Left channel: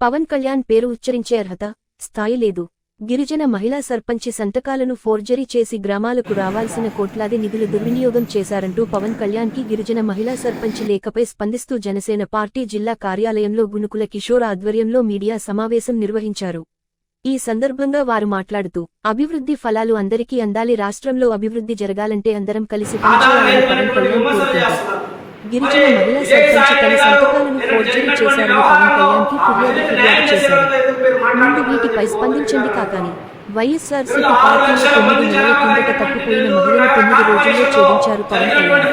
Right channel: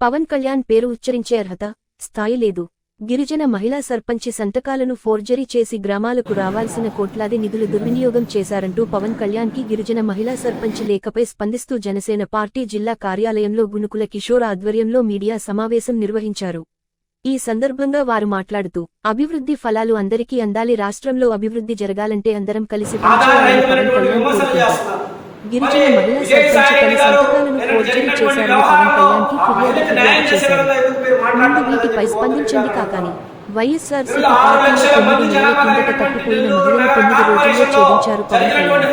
పవన్ కళ్యాణ్ పేరు ఉచ్చరించే అర్హత స్థాయి లేదు. గిరిజన మహిళా సర్పంచి సంతకాలను ఫోర్జరీ చేసి గ్రామాలకు రావాల్సిన కోట్లాది నిధులు దుర్వినియోగం చేశారంటూ పవన్ కళ్యాణ్కి గిరిజన మహిళా సర్పంచి లేఖపై స్పందిస్తూ జనసేన పార్టీ జిల్లా కార్యాలయంలో గునుకుల కిషోర్ ఆధ్వర్యంలో మీడియా సమావేశం నిర్వహించారు. ఈ సందర్భంగా వారు మాట్లాడుతూ అభివృద్ధి ఫలాలు అందరికీ అందాలి రాష్ట్రంలో అభివృద్ధి జరగాలంటే అందరం కలిసి పనిచేయాలని పవన్ కళ్యాణ్ కోరుతున్నారు గిరిజన మహిళా సర్పంచ్ తన సంతకాలను ఫోర్జరీ చేశారని పవన్ కళ్యాణ్కి ఫిర్యాదు ఫిర్యాదు చేశారు. ముందు వీటిపై స్పందించండి కాకాని వైఎస్ఆర్సీపీ పార్టీలో తొమ్మిది నెలల కిందట తప్పిపోయిన మహిళను తొమ్మిది రోజుల్లో ఛేదించారు పవన్ కళ్యాణ్.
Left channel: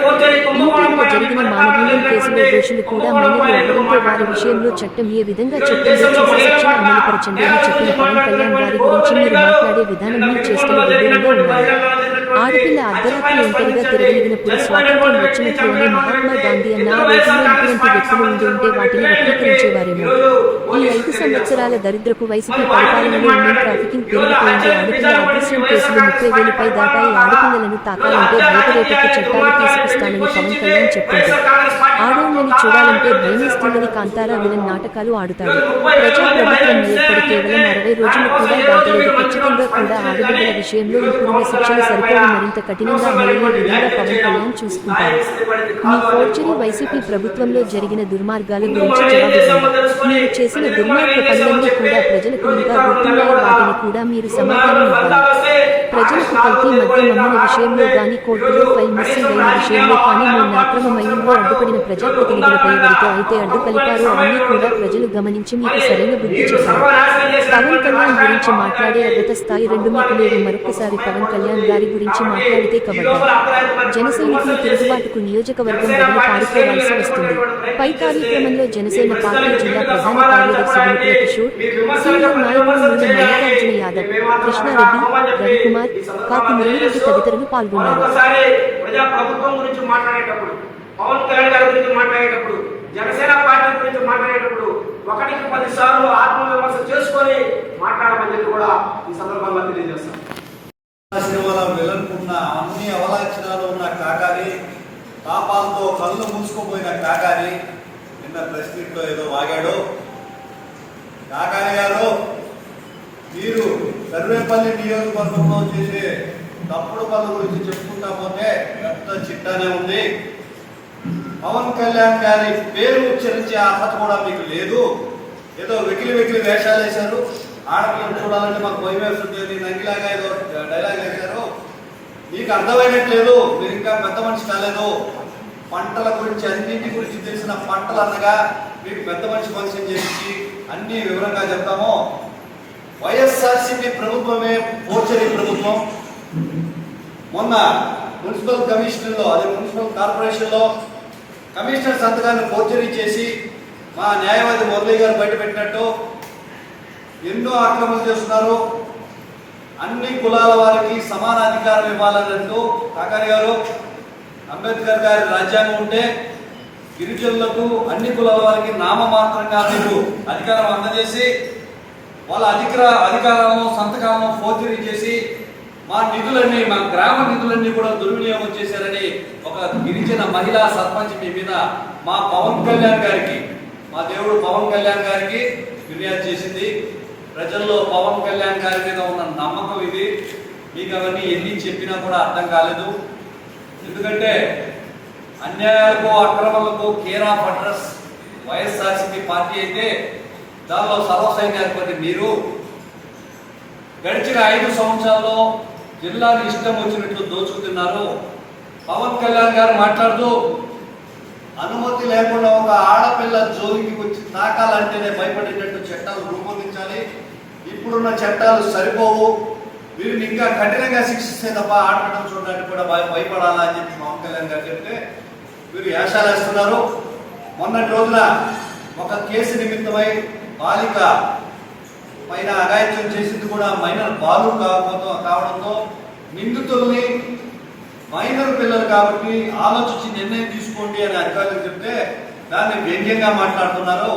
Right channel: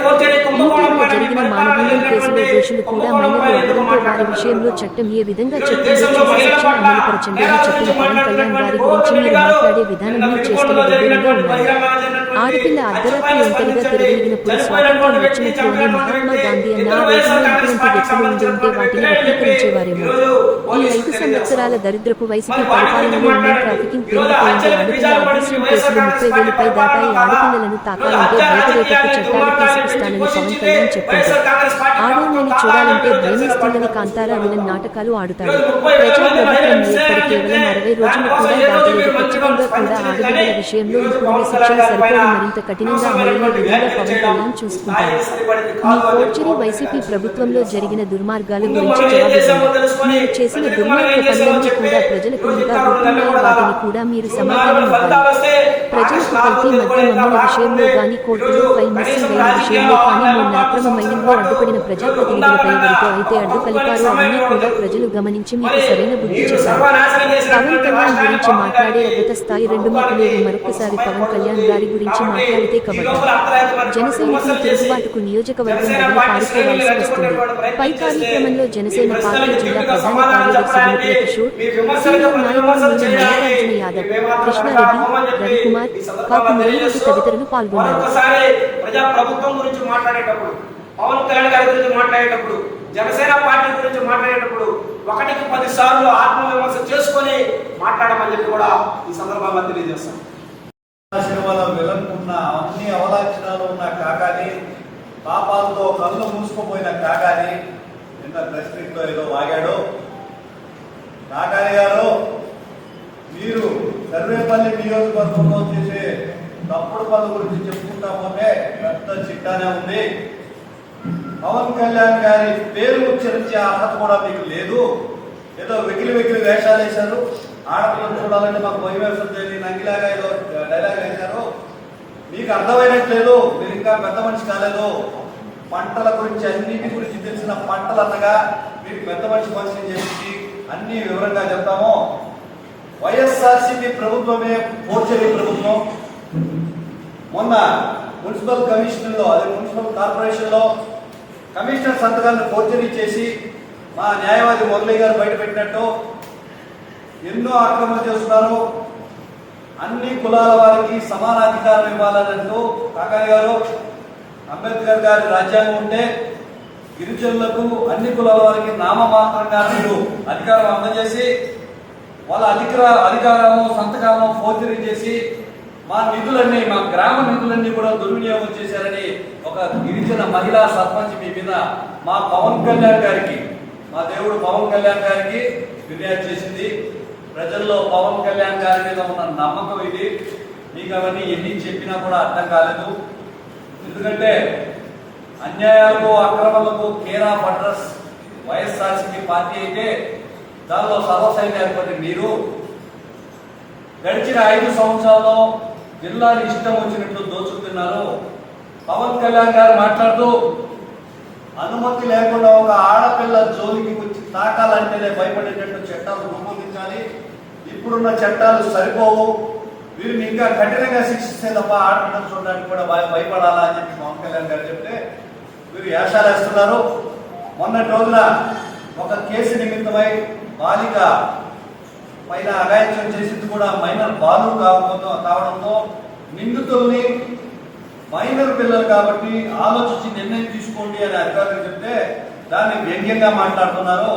ఈటీవల జరిగిన మానభంగం కేసులో దోషులు కూడా మైనర్లు అవ్వడంతో వారి విషయంలో చట్టం ఏ విధంగా చట్టంలో చేసే శిక్షణ అమలుపరచండి అని చెప్పిన పవన్ కళ్యాణ్ గారి గురించి మీరు మాట్లాడే విధానం మీ విడ్డూరంగా ఉన్నాయి. ఆడపిల్ల అర్ధరాత్రి ఒంటరిగా తిరగలిగినప్పుడు స్వాతంత్ర్యం వచ్చినట్లు మహాత్మా గాంధీ అన్న ఆ రోజుల్లో ఇటువంటి వ్యక్తులు ఉండి ఉంటే వాటిని వక్రీకరించేవారేమో. ఈ ఐదు సంవత్సరాల దరిద్రపు వైసీపీ పరిపాలనలో ఉమెన్ ట్రాఫికింగ్ పెరిగిపోయింది. ఆడపిల్ల అదృశ్యం కేసులు ముప్పై వేలపై దాటాయి. ఆడపిల్లలను తాకాలంటే భయపడేటట్టు చట్టాలు తీసుకొస్తానని పవన్ కళ్యాణ్ చెప్పింది. ఆడోళ్ళని చూడాలంటే భయమేస్తుందని కాంతారా విలన్ నాటకాలు ఆడుతాడు. ప్రజా ప్రభుత్వం ఏర్పడి కేవలం అరవై రోజులు కూడా దాటలేదు. ఖచ్చితంగా కూడా ఆడబిడ్డల విషయంలో ఇప్పుడున్న శిక్షణ సరిపోయి మరింత కఠినంగా అమలులో విధంగా పవన్ కళ్యాణ్ చూసుకుంటారు. మీ ఫోర్జరీ వైసీపీ ప్రభుత్వంలో జరిగిన దుర్మార్గాల గురించి జవాబిస్తుంది మీరు చేసిన దుర్మార్గ పనులన్నీ కూడా ప్రజలకు ఇంకా గుర్తున్నాయి వాటిని కూడా మీరు సమాధానం ఇవ్వాలి. ప్రజలకు కల్తీ మద్యం అమ్మిన విషయంలో కానీ కోర్టులో ఫైల్ మిస్సింగ్ అయిన విషయంలో కానీ మొన్న అక్రమ మైనింగ్లో అడ్డుపడిన ప్రజాప్రతినిధులపై ఎవరితో అయితే అడ్డు కలిపారో అవన్నీ కూడా ప్రజలు గమనించి మీకు సరైన బుద్ధి చెప్పారు. పవన్ కళ్యాణ్ గురించి మాట్లాడే అర్హత స్థాయి రెండు మీకు లేవు మరొకసారి పవన్ కళ్యాణ్ గారి గురించి గురించి మాట్లాడితే కబడ్డారు జన తిరుగుబాటుకు నియోజకవర్గం వదిలి పారిపోవాల్సి వస్తుంది. పై కార్యక్రమంలో జనసేన పార్టీ జిల్లా ప్రధాన కార్యదర్శి గునుకుల కిషోర్ సీనియర్ నాయకులు నూనె మల్లికార్జున యాదవ్ కృష్ణారెడ్డి రవికుమార్ కాకు మురళిరెడ్డి తదితరులు పాల్గొన్నారు. ప్రభుత్వం గురించి మాట్లాడేటప్పుడు పవన్ కళ్యాణ్ గారి గురించి మాట్లాడేటప్పుడు జనసేన పార్టీ గురించి మాట్లాడేటప్పుడు ఒకటికి పది సార్లు ఆత్మవిమర్శ చేసుకొని మాట్లాడమని చెప్పి కూడా ఈ సందర్భంగా తెలియజేస్తాను సినిమాలో వెళ్ళనుకున్న అన్ని అవలాక్షణాలు ఉన్న కాకాని పాపాలతో కళ్ళు మూసుకుపోయిన కాకాని నిన్న ప్రెస్లో ఏదో వాగాడు. కాకాని గారు మీరు సర్వేపల్లి నియోజకవర్గంలో చేసే తప్పుడు పనుల గురించి చెప్పుకుంటా పోతే పెద్ద చిట్టానే ఉంది. పవన్ కళ్యాణ్ గారి పేరు ఉచ్చరించే అర్హత కూడా మీకు లేదు. ఏదో వెకిలి వెకిలి వేషాలు వేశారు ఆడపిల్లలు చూడాలంటే మాకు భయం వేస్తుంది. నంగిలాగా ఏదో డైలాగ్ వేశారు మీకు అర్థమైనట్లేదు మీరు ఇంకా పెద్ద మనిషి కాలేదు. పంటల గురించి అన్నింటి గురించి తెలిసిన పంటలు అనగా మీరు పెద్ద మనిషి పరిచయం చేసి అన్ని వివరంగా చెప్తాము. వైఎస్ఆర్సీపీ ప్రభుత్వమే పోచరి ప్రభుత్వం. మొన్న మున్సిపల్ కమిషనర్లో అదే మున్సిపల్ కార్పొరేషన్లో కమిషనర్ సంతకాన్ని ఫోర్జరీ చేసి మా న్యాయవాది మురళి గారు బయటపెట్టినట్టు ఎన్నో ఆక్రమణలు చేస్తున్నారు. అన్ని కులాల వారికి సమాన అధికారం ఇవ్వాలన్నట్టు కాకాని గారు అంబేద్కర్ గారి రాజ్యాంగం ఉంటే గిరిజనులకు అన్ని కులాల వారికి నామమాత్రంగా మీరు అధికారం అందజేసి వాళ్ళ అధికార అధికారాలను సంతకాలను ఫోర్జరీ చేసి మా నిధులన్నీ మా గ్రామ నిధులన్నీ కూడా దుర్వినియోగం చేశారని ఒక గిరిజన మహిళా సర్పంచ్ మీ మీద మా పవన్ కళ్యాణ్ గారికి మా దేవుడు పవన్ కళ్యాణ్ గారికి ఫిర్యాదు చేసింది. ప్రజల్లో పవన్ కళ్యాణ్ గారి మీద ఉన్న నమ్మకం ఇది. మీకు అవన్నీ ఎన్ని చెప్పినా కూడా అర్థం కాలేదు. ఎందుకంటే అన్యాయాలకు అక్రమాలకు care of address YSRCP party అయితే దానిలో సర్వసైన్యాధిపతి మీరు గడిచిన ఐదు సంవత్సరాల్లో జిల్లాని ఇష్టం వచ్చినట్లు దోచుకుతున్నారు. పవన్ కళ్యాణ్ గారు మాట్లాడుతూ అనుమతి లేకుండా ఒక ఆడపిల్ల జోలికి వచ్చి తాకాలంటేనే భయపడేటట్టు చట్టాలు రూపొందించాలి. ఇప్పుడున్న చట్టాలు సరిపోవు. వీరిని ఇంకా కఠినంగా శిక్షిస్తే తప్ప ఆడటం చూడడానికి కూడా భయ భయపడాలా అని చెప్పి పవన్ కళ్యాణ్ గారు చెప్తే వీరు యాశాలు వేస్తున్నారు. మొన్నటి రోజున ఒక కేసు నిమిత్తమై బాలిక పైన అగాయత్యం చేసింది కూడా మైనర్ బాలు కాకపోతే కావడంతో నిందితుల్ని మైనర్ పిల్లలు కాబట్టి ఆలోచించి నిర్ణయం తీసుకోండి అని అధికారులు చెప్తే దాన్ని వ్యంగ్యంగా మాట్లాడుతున్నారు?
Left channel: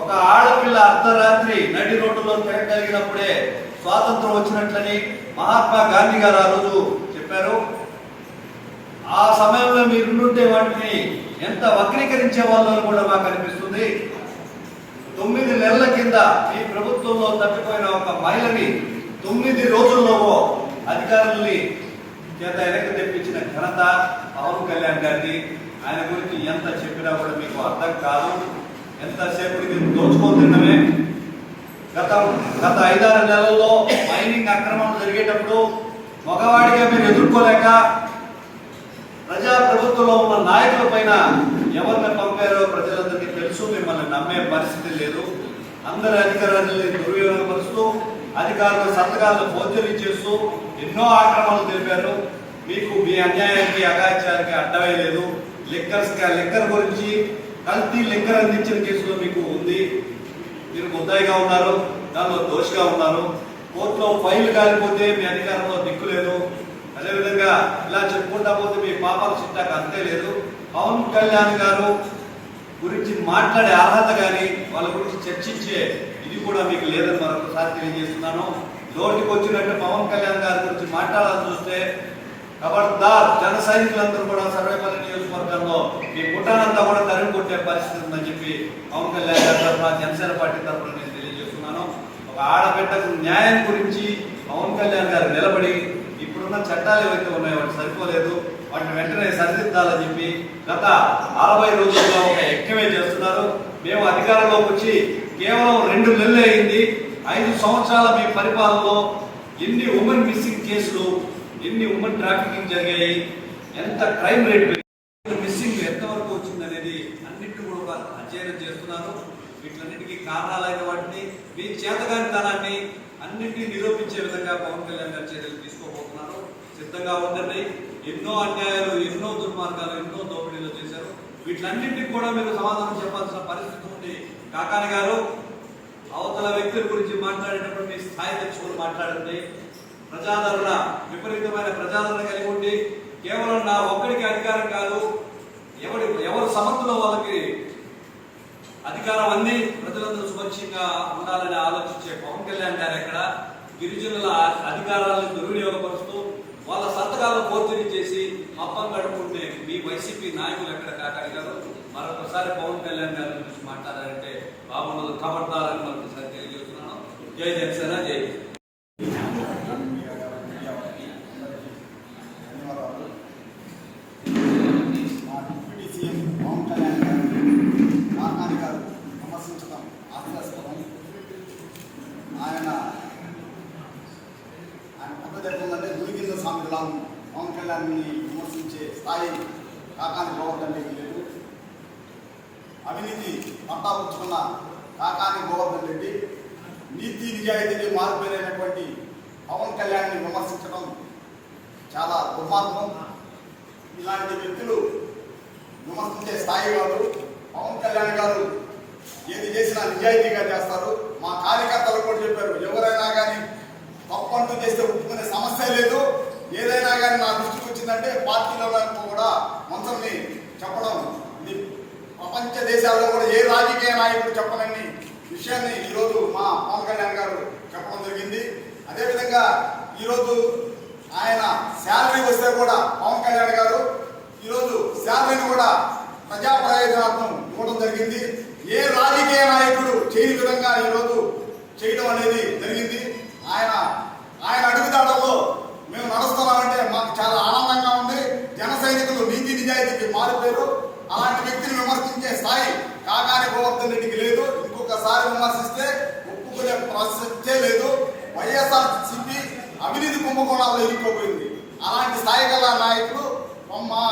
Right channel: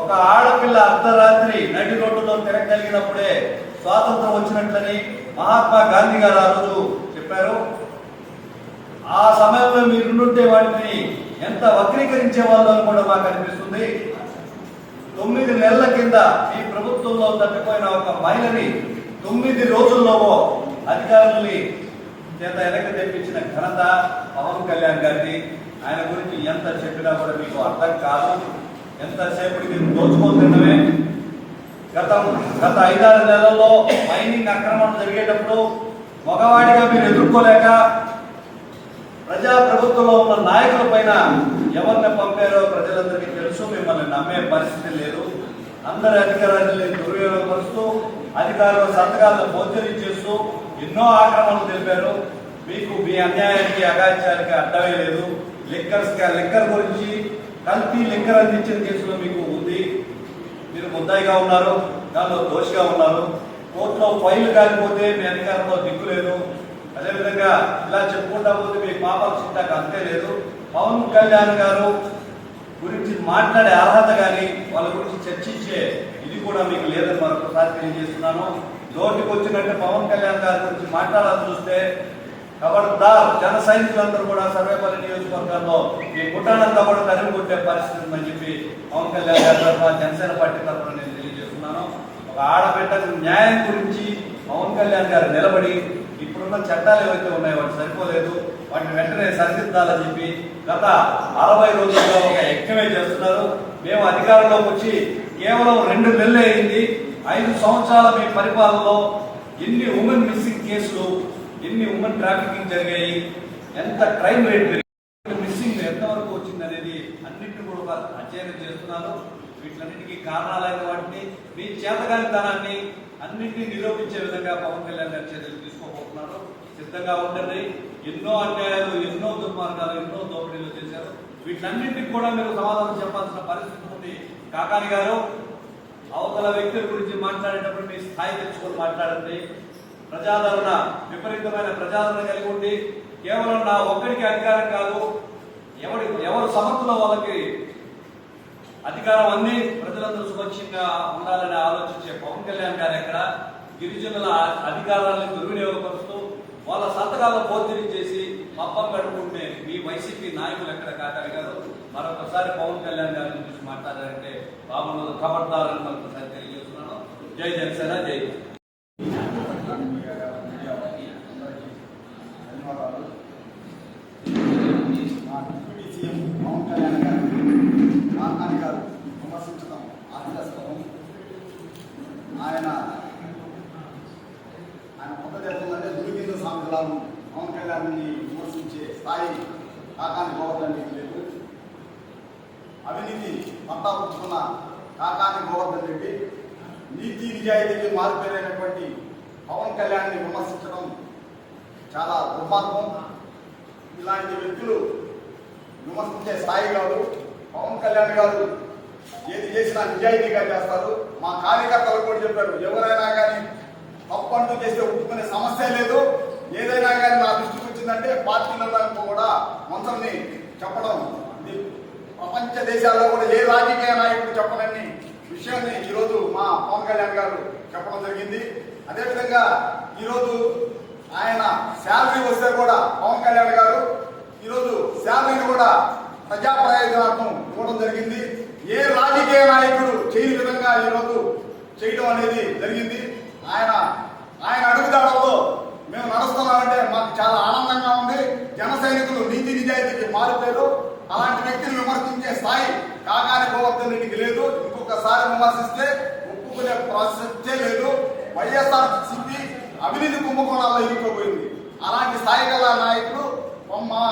ఒక ఆడపిల్ల అర్ధరాత్రి నడి రోడ్డులో తిరగలిగినప్పుడే స్వాతంత్రం వచ్చినట్లని మహాత్మా గాంధీ గారు ఆ రోజు చెప్పారు. ఆ సమయంలో మీరుంటే వాటిని ఎంత వక్రీకరించే వాళ్ళు కూడా మాకు అనిపిస్తుంది. తొమ్మిది నెలల కింద ఈ ప్రభుత్వంలో తప్పిపోయిన ఒక మహిళని తొమ్మిది రోజుల్లోవో అధికారుల్ని చేత వెనక్కి తెప్పించిన ఘనత పవన్ కళ్యాణ్ గారిది. ఆయన గురించి ఎంత చెప్పినా కూడా మీకు అర్థం కాదు. ఎంతసేపటికి దోచుకోతుండమే గత గత ఐదారు నెలల్లో మైనింగ్ అక్రమం జరిగేటప్పుడు మగవాడిగా మీరు ఎదుర్కోలేక ప్రజా ప్రభుత్వంలో ఉన్న నాయకుల పైన ఎవరిని పంపారో ప్రజలందరికీ తెలుసు. మిమ్మల్ని నమ్మే పరిస్థితి లేదు. అందరి అధికారాన్ని దుర్వినియోగపరుస్తూ అధికారుల సంతకాలను ఫోర్జరీ చేస్తూ ఎన్నో ఆక్రమణలు తెలిపారు. మీకు మీ అన్యాయానికి అగాత్యానికి అడ్డమే లేదు. లిక్కర్స్ లిక్కర్ గురించి కల్తీ లిక్కర్ అందించిన కేసులో మీకు ఉంది. మీరు ముద్దాయిగా ఉన్నారు దానిలో దోషిగా ఉన్నారు. కోర్టులో ఫైల్ కాలిపోతే మీ అధికారంలో దిక్కు లేదు. అదేవిధంగా ఇలా చెప్పుకుంటా పోతే మీ పాపాలు చుట్టాక అంతే లేదు. పవన్ కళ్యాణ్ గారు గురించి మాట్లాడే అర్హత కానీ వాళ్ళ గురించి చర్చించే ఇది కూడా మీకు లేదని మరొకసారి తెలియజేస్తున్నాను. నోటికి వచ్చినట్టు పవన్ కళ్యాణ్ గారి గురించి మాట్లాడాలని చూస్తే ఖబర్దార్ జన సైనికులందరూ కూడా సర్వేపల్లి నియోజకవర్గంలో మీ పుట్టానంతా కూడా తరిమి కొట్టే పరిస్థితి ఉందని చెప్పి పవన్ కళ్యాణ్ గారి తరఫున జనసేన పార్టీ తరఫున నేను తెలియజేస్తున్నాను. ఒక ఆడబిడ్డకు న్యాయం గురించి పవన్ కళ్యాణ్ గారు నిలబడి ఇప్పుడున్న చట్టాలు ఏవైతే ఉన్నాయో వాటి సరిపోలేదు వాటిని వెంటనే సరిదిద్దాలని చెప్పి గత అరవై రోజుల్లో ఒక యజ్ఞమే చేస్తున్నారు. మేము అధికారంలోకి వచ్చి కేవలం రెండు నెలలు అయింది. ఐదు సంవత్సరాల మీ పరిపాలనలో ఎన్ని ఉమెన్ మిస్సింగ్ కేసులు ఎన్ని ఉమెన్ ట్రాఫికింగ్ జరిగాయి ఎంత క్రైమ్ రేట్ పెరిగింది మిస్సింగ్ ఎంతవరకు వచ్చింది అనేది అన్నింటిని కూడా ఒక అధ్యయనం చేస్తున్నాను. వీటిలన్నిటికీ కారణాలైన వాటిని మీ చేతగానితనాన్ని అన్నింటినీ నిరూపించే విధంగా పవన్ కళ్యాణ్ గారి చర్యలు తీసుకోబోతున్నారు. సిద్ధంగా ఉండండి. ఎన్నో అన్యాయాలు ఎన్నో దుర్మార్గాలు ఎన్నో దోపిడీలు చేశారు. వీటిలన్నింటికి కూడా మీరు సమాధానం చెప్పాల్సిన పరిస్థితి ఉంది. కాకాని గారు అవతల వ్యక్తుల గురించి మాట్లాడేటప్పుడు మీ స్థాయి తెచ్చుకొని మాట్లాడండి. ప్రజాదరణ విపరీతమైన ప్రజాదరణ కలిగి ఉండి కేవలం నా ఒక్కడికి అధికారం కాదు ఎవడి ఎవరు సమర్థులో వాళ్ళకి అధికారం అంది ప్రజలందరూ సుపక్షంగా ఉండాలని ఆలోచించే పవన్ కళ్యాణ్ గారు ఎక్కడ? గిరిజనుల అధికారాలను దుర్వినియోగపరుస్తూ వాళ్ళ సంతకాలను పోర్తిని చేసి మప్పం గడుపుకుంటే మీ వైసీపీ నాయకులు ఎక్కడ కాకడిగారు మరొకసారి పవన్ కళ్యాణ్ గారి గురించి మాట్లాడారంటే బాబు ఖబర్దారని మరొకసారి తెలియజేస్తున్నాను. జై జనసేన జై ధన్యవాదాలు మా డిప్యూటీ సీఎం పవన్ కళ్యాణ్ గారు కాకాని గారు విమర్శించడం హాస్యాస్పదం ఆయన ఆయన పద్ధతి ఎట్లుందంటే దురిగింద స్వామి ఉంది పవన్ కళ్యాణ్ని విమర్శించే స్థాయి కాకాని గోవర్ధన్ రెడ్డి లేదు అవినీతి పట్టాపుచ్చుకున్న కాకాని గోవర్ధన్ రెడ్డి నీతి నిజాయితీకి మారుపేరైనటువంటి పవన్ కళ్యాణ్ని విమర్శించడం చాలా దుర్మార్గం. ఇలాంటి వ్యక్తులు విమర్శించే స్థాయి కాదు. పవన్ కళ్యాణ్ గారు ఏది చేసినా నిజాయితీగా చేస్తారు. మా కార్యకర్తలు కూడా చెప్పారు ఎవరైనా కానీ తప్పు అంటూ చేస్తే ఒప్పుకునే సమస్య లేదు. ఏదైనా కానీ నా దృష్టికి వచ్చిందంటే పార్టీలలో కూడా మంత్రాన్ని చెప్పడం. ఇది ప్రపంచ దేశాల్లో కూడా ఏ రాజకీయ నాయకుడు చెప్పనని విషయాన్ని ఈరోజు మా పవన్ కళ్యాణ్ గారు చెప్పడం జరిగింది. అదేవిధంగా ఈరోజు ఆయన శాలరీ వస్తే కూడా పవన్ కళ్యాణ్ గారు ఈరోజు శాలరీని కూడా ప్రజా ప్రయోజనార్థం ఇవ్వడం జరిగింది. ఏ రాజకీయ నాయకుడు చేయని విధంగా ఈరోజు చేయడం అనేది జరిగింది. ఆయన ఆయన అడుగుదాడల్లో మేము నడుస్తున్నామంటే మాకు చాలా ఆనందంగా ఉంది. జన సైనికులు నీతి నిజాయితీకి మారిపోయారు అలాంటి వ్యక్తిని విమర్శించే స్థాయి కాకాని గోవర్ధన్ రెడ్డికి లేదు. ఇంకొకసారి విమర్శిస్తే ఒప్పుకునే ప్రసక్తే లేదు. వైఎస్ఆర్ సిపి అవినీతి కుంభకోణాల్లో ఇరుక్కుపోయింది. అలాంటి స్థాయి గల నాయకుడు మా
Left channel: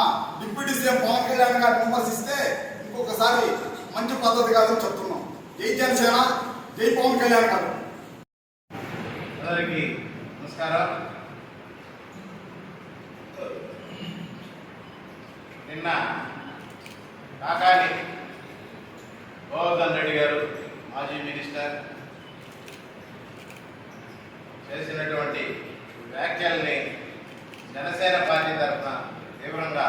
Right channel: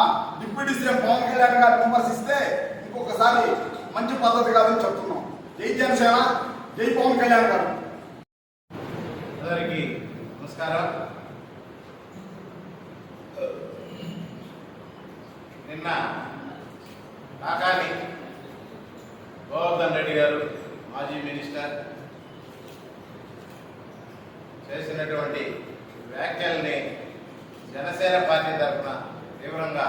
డిప్యూటీ సీఎం పవన్ కళ్యాణ్ గారిని విమర్శిస్తే ఇంకొకసారి మంచి పద్ధతి కాదని చెప్తున్నాం. జై జనసేన జై పవన్ కళ్యాణ్ గారు. అందరికీ నమస్కారం నిన్న కాకాని గోవర్ధన్ రెడ్డి గారు మాజీ మినిస్టర్ చేసినటువంటి వ్యాఖ్యల్ని జనసేన పార్టీ తరఫున తీవ్రంగా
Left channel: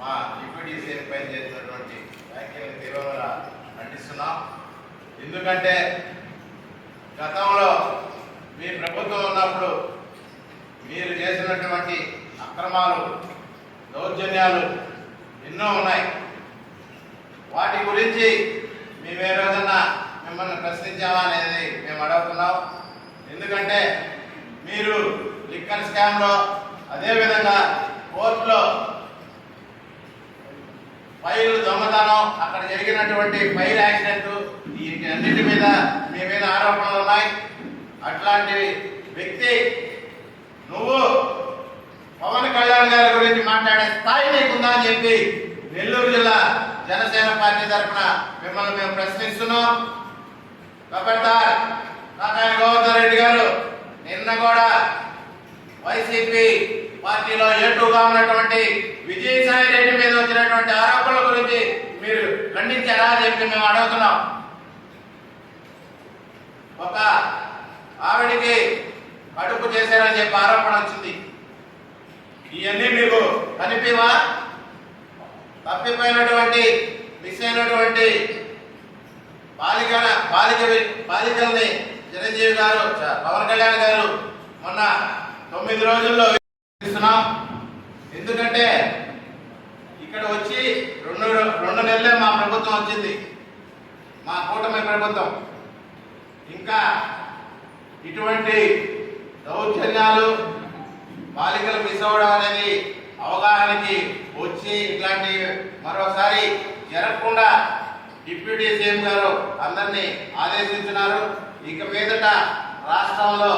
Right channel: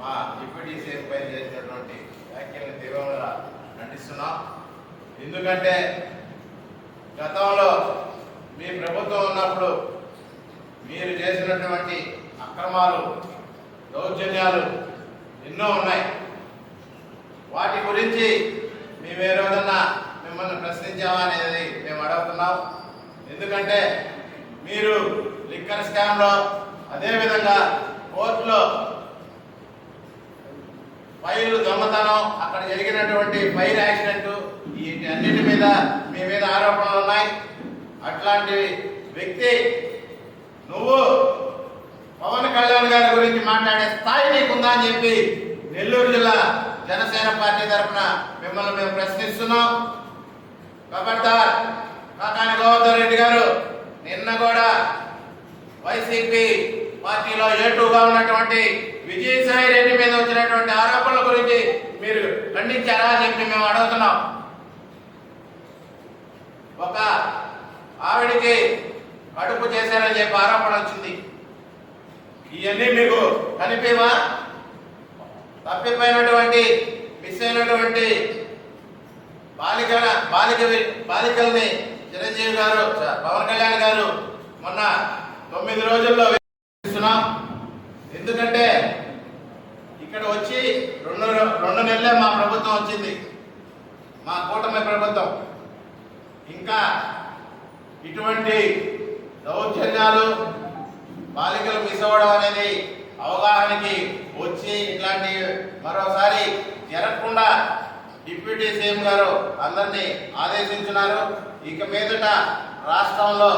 మా డిప్యూటీ సీఎం పై చేసినటువంటి వ్యాఖ్యల్ని తీవ్రంగా ఖండిస్తున్నాం. ఎందుకంటే గతంలో మీ ప్రభుత్వం ఉన్నప్పుడు మీరు చేసినటువంటి అక్రమాలు దౌర్జన్యాలు ఎన్నో ఉన్నాయి. వాటి గురించి మేము ఏదన్నా మిమ్మల్ని ప్రశ్నించామా అనేది మేము అడుగుతున్నాం. ఎందుకంటే మీరు లిక్కర్ స్కామ్లో అదేవిధంగా కోర్టులో ఫైల్ దొంగతనం అక్కడ జరిగినటువంటి ఫైల్ యాక్సిడెంట్ వీటి అన్నిటి మీద మీ మీద ఆరోపణలు ఉన్నాయి. అట్లాంటి వ్యక్తి నువ్వు పవన్ కళ్యాణ్ గారి గురించి మాట్లాడే స్థాయి నీకుందా అని చెప్పి నెల్లూరు జిల్లా జనసేన పార్టీ తరఫున మిమ్మల్ని మేము ప్రశ్నిస్తున్నాం. ఖబర్దార్ కాకాని గోవర్ధన్ రెడ్డి గారు నిన్న కూడా వైసీపీ పార్టీలో ఏటుగా ఉన్నటువంటి విజయసాయి రెడ్డి మీద వచ్చినటువంటి ఆరోపణల గురించి మీరు ఖండించారా అని చెప్పి మేము అడుగుతున్నాం. ఒక ఆవిడికి కడుపు చేశారని చెప్పి ఆరోపణ వచ్చింది. ఇవన్నీ మీకు కనిపివా? తప్పిపోయినటువంటి మిస్ అయినటువంటి బాలికల బాలిక బాలికల్ని చిరంజీవి గారు చ- పవన్ కళ్యాణ్ గారు మొన్న తొమ్మిది రోజుల్లో ఇస్తున్నాం ఎందుకంటే ఇక్కడ వచ్చి రెండు రెండు నెలలే మా ప్రభుత్వం వచ్చింది. మా కూటమి ప్రభుత్వం. ఇంకా ఇటువంటి దౌర్జన్యాలు బాలికలు మిస్ అవ్వడం అనేది అవగాహనకి వచ్చి ఇట్లాంటి మరోసారి జరగకుండా డిప్యూటీ సీఎం గారు అందరినీ ఆదేశించినారు. ఇక మీదట రాష్ట్రంలో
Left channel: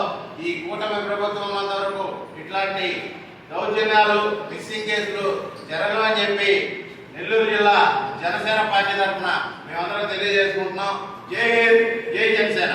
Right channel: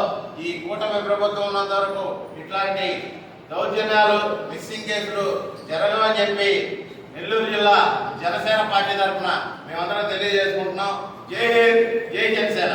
ఈ కూటమి ప్రభుత్వం ఉన్నంత వరకు ఇట్లాంటి దౌర్జన్యాలు మిస్సింగ్ కేసులు జరగవని చెప్పి నెల్లూరు జిల్లా జనసేన పార్టీ తరఫున మేమందరం తెలియజేసుకుంటున్నాం. జై హింద్ జై జనసేన.